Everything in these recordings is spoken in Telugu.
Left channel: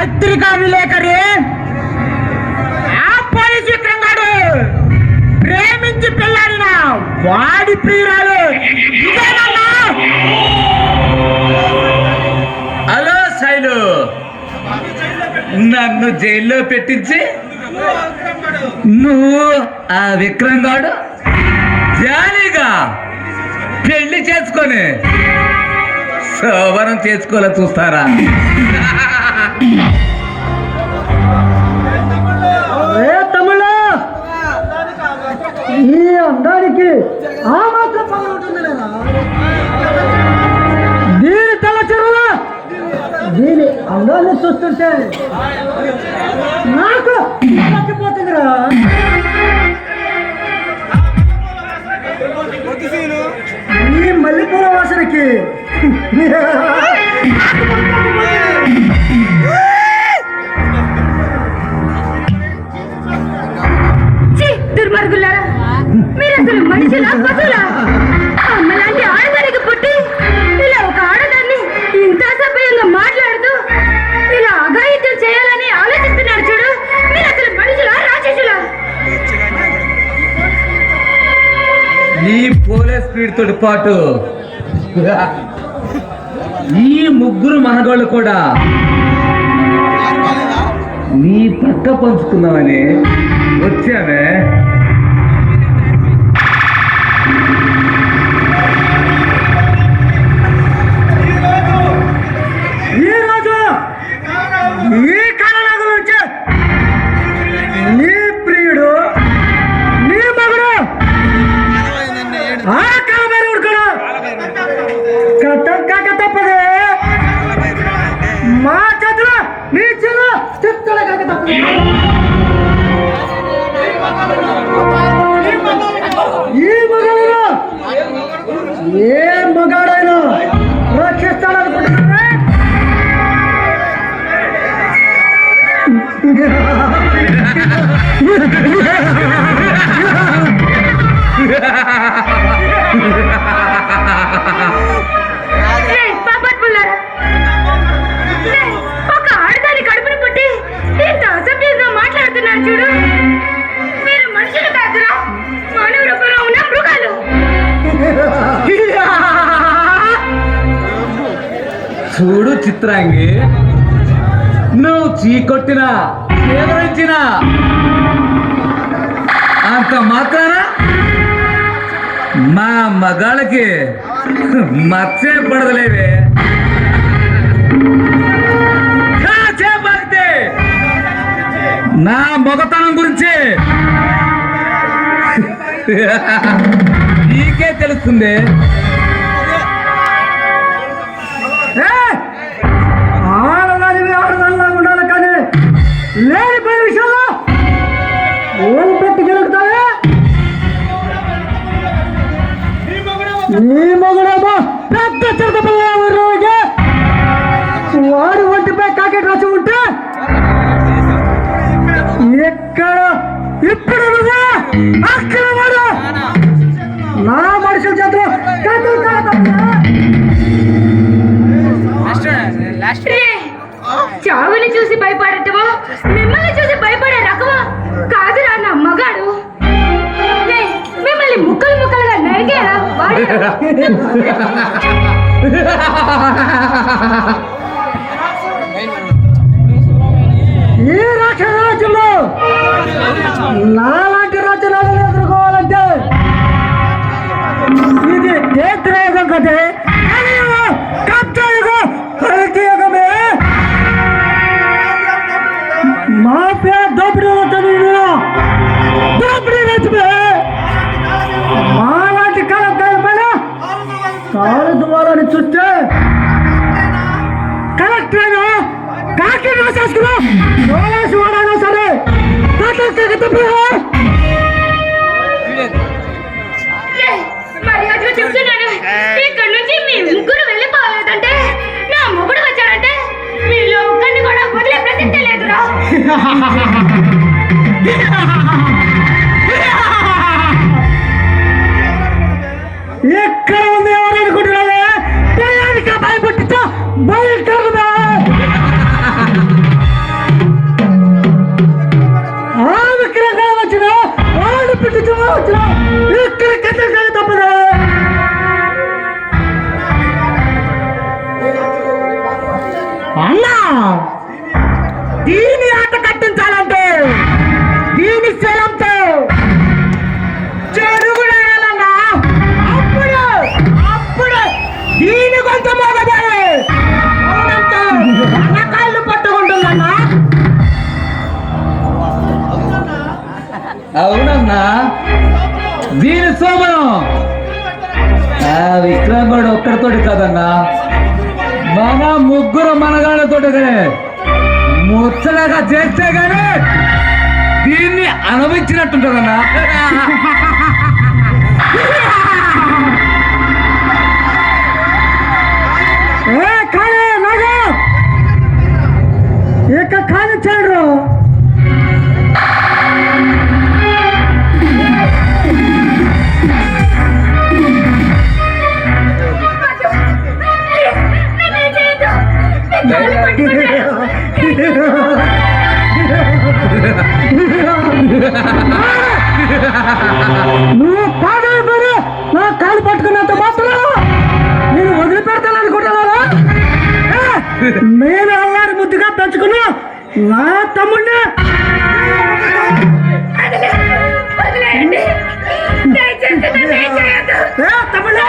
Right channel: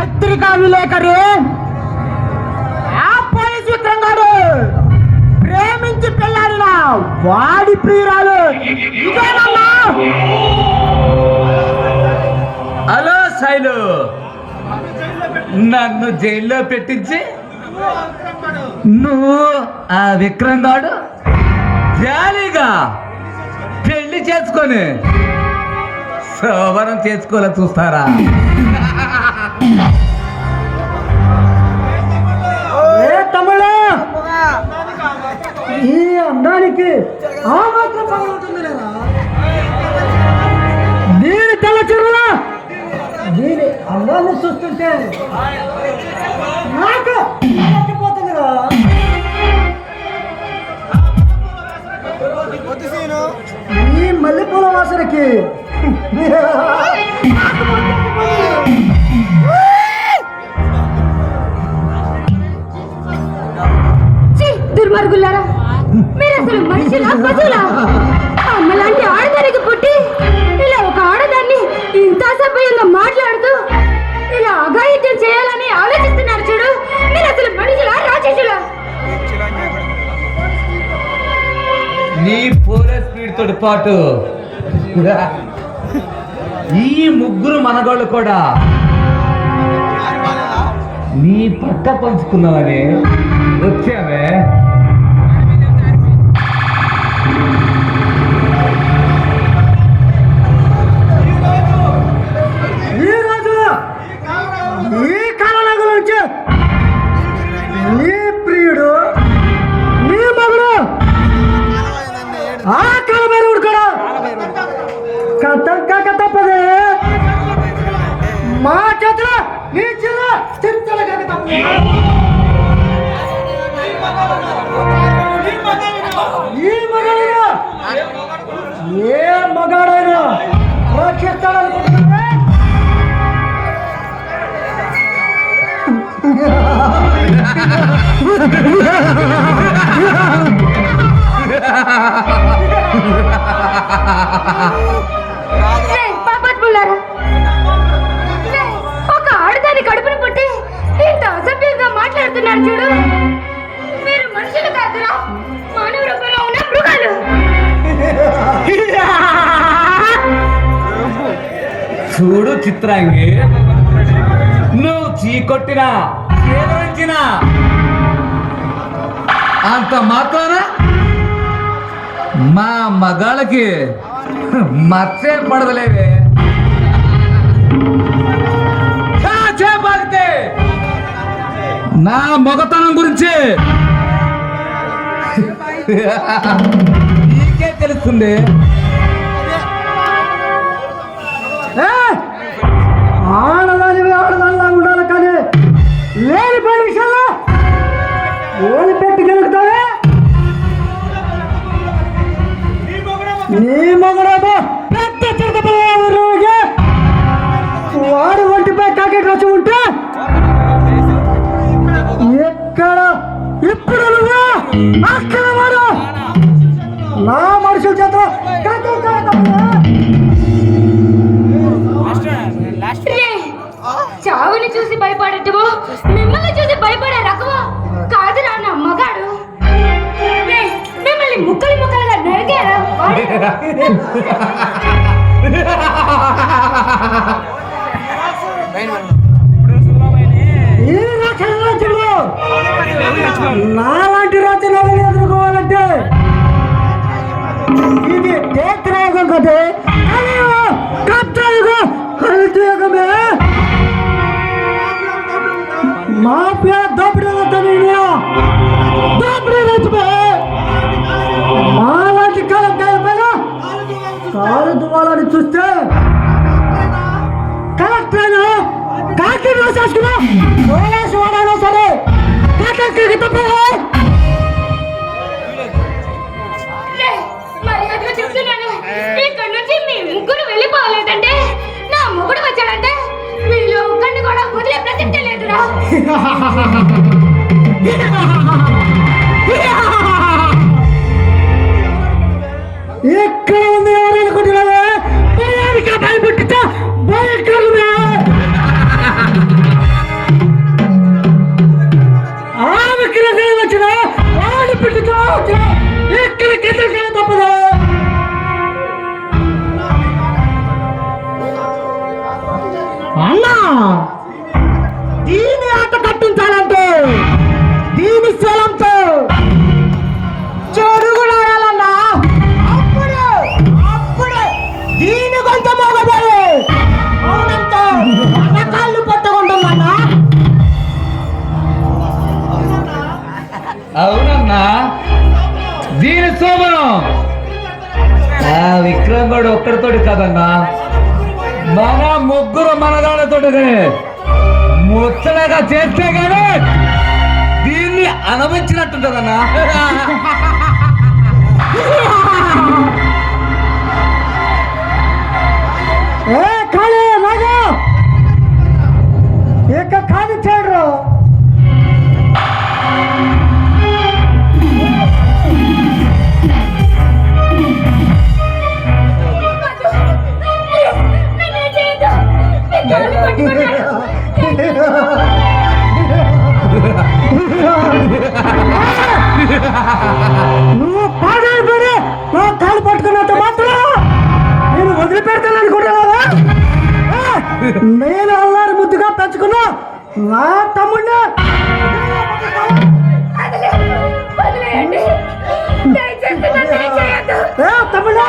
పత్రికా విలేకరి పోలీస్ విక్రమ్ గారు ప్రేమించి పెళ్ళాడిన వాడి ప్రియురాలు ఇదేనన్నా? హలో శైలు, నన్ను జైల్లో పెట్టించి నువ్వు ఆ విక్రమ్ గాడు జాలీగా పెళ్లి చేసుకొని శోభనం చేసుకోవాలని చూస్తారా? తమ్ముడు, ఈ అందానికి దీని తెల్ల చెరువులా దీని అందాన్ని చూస్తుంటే నాకు నచ్చిపోతుందిరా. ఈ మల్లెపూల వాసనకి దుర్మార్గులారా, మీరు అసలు మనుషులా పశువులా? అమ్మలాంటి ఆడదానికి పుట్టి ఇలా ఒక ఆడదాన్ని ఇంత అసభ్యంగా మాట్లాడుతూ ఇలా అఘాయిత్యం చేయాలని ఆలోచిస్తున్నారు చూడు. మీరు అసలు మనుషులా రాక్షసులా? నీ పోలీస్ స్పీడ్ తోటి పాటు ఈ ముగ్గురు మనగోళ్ళు కూడా నీ పక్క పంచుకున్నామని వచ్చామే. ఈరోజు ఈ కాలంలో గురించి నీ ప్రియుడు నీ మగుడు ఆ కాలభైరవుడు కూడా కథ తప్పదే. మా చేతిలో నీ చిన్న స్థితులు కనుక తప్పదు. ఈ మగడిలో ఏ మగాడైనా రక్షిస్తాడనుకుంటున్నా? ఒక ఆడదాని కడుపును పుట్టి ఇంత అసభ్యంగా మాట్లాడుతున్నారు చూడు. మీరు మనుషులు కాదురా, మానవ రూపంలో ఉన్న మృగాలు. చూడు చిత్రాంగి, నువ్వు చీకొట్టినా ఎదురించినా అంత మాత్రాన మా మగాళ్ళకి మచ్చే పడదలేవే. చేపడితే నా మొగతనం గురించి నీకే తెలుస్తుంది. ఆడదానివి ఆడదానిలా ఉండాలి, కానీ లేనిపోయిన విషయంలో ఓడి పెట్టి గెలుగుతావే. నీ మగుడేమో పెద్ద చిరుతపల్లి వాడి ఒంటిపై కాకి రసి ఉంటే ఎక్కడ ఇప్పుడు నువ్వు అక్కడ వాడు నా మనుషుల చేతిలో చావుని చూసి భయపడటమో మిమ్మల్ని చూసి భయపడే రకమో కాదురా నా మగాడు. మిమ్మల్ని ముక్కలు ముక్కలుగా నరికేరా. ఈ రాక్షస రాజ్యంలో నాలాంటి రాజ్యాలను ఎదుర్కోవాలంటే ఇది క్షేత్రయుగం కదే, కబ్జాయుగం, కల్తీ యుగమే. మాఫియా దోపిడీ దోపిడీ రైతుమే. మాలాంటి కాలం పైన కాలు దువాలని చూస్తే కలెక్టర్ కాకి రాసేసుకున్నా పోలీసు వాడైనా సరే కలెక్టర్కి తప్పదా? ఇక్కడి నుంచి మీ ముగ్గురు వెళ్ళిపోలేదంటే నా మొగుడు వచ్చాడంటే మీలో ఒక్కడిని కూడా వదిలే ప్రసక్తే లేదురా. ఇక్కడ ఉంది ఎవరు అనుకుంటున్నావే? భయానికి భయపట్టించా భయంకరమే. ఒక్కడితోటి కాదన్నా, మన ముగ్గురు మనగాళ్ళతోటి ముచ్చటగా చేస్తే గానీ దీన్ని అనుభవించినట్టుంటదన్నా. నువ్వు పాడైపోయి నా కాలు పట్టుకున్నంత మాత్రం నేను వదిలిపెడతాను అనుకుంటున్నావా? నేను అల్లారి ముద్దుగా పెంచుకున్నా నా తమ్ముడిని తమ్ముడు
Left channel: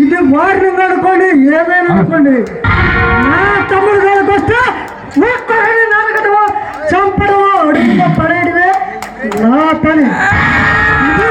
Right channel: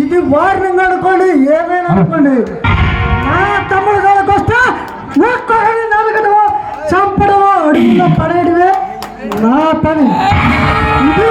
ఇది వార్నింగ్ అనుకోండి, ఏమైనా అనుకోండి. నా తమ్ముడు గారికి వస్తే ఒక్కడిని నరకడమో చంపడమో అడుగున పడేయడమే నా పని. ఇది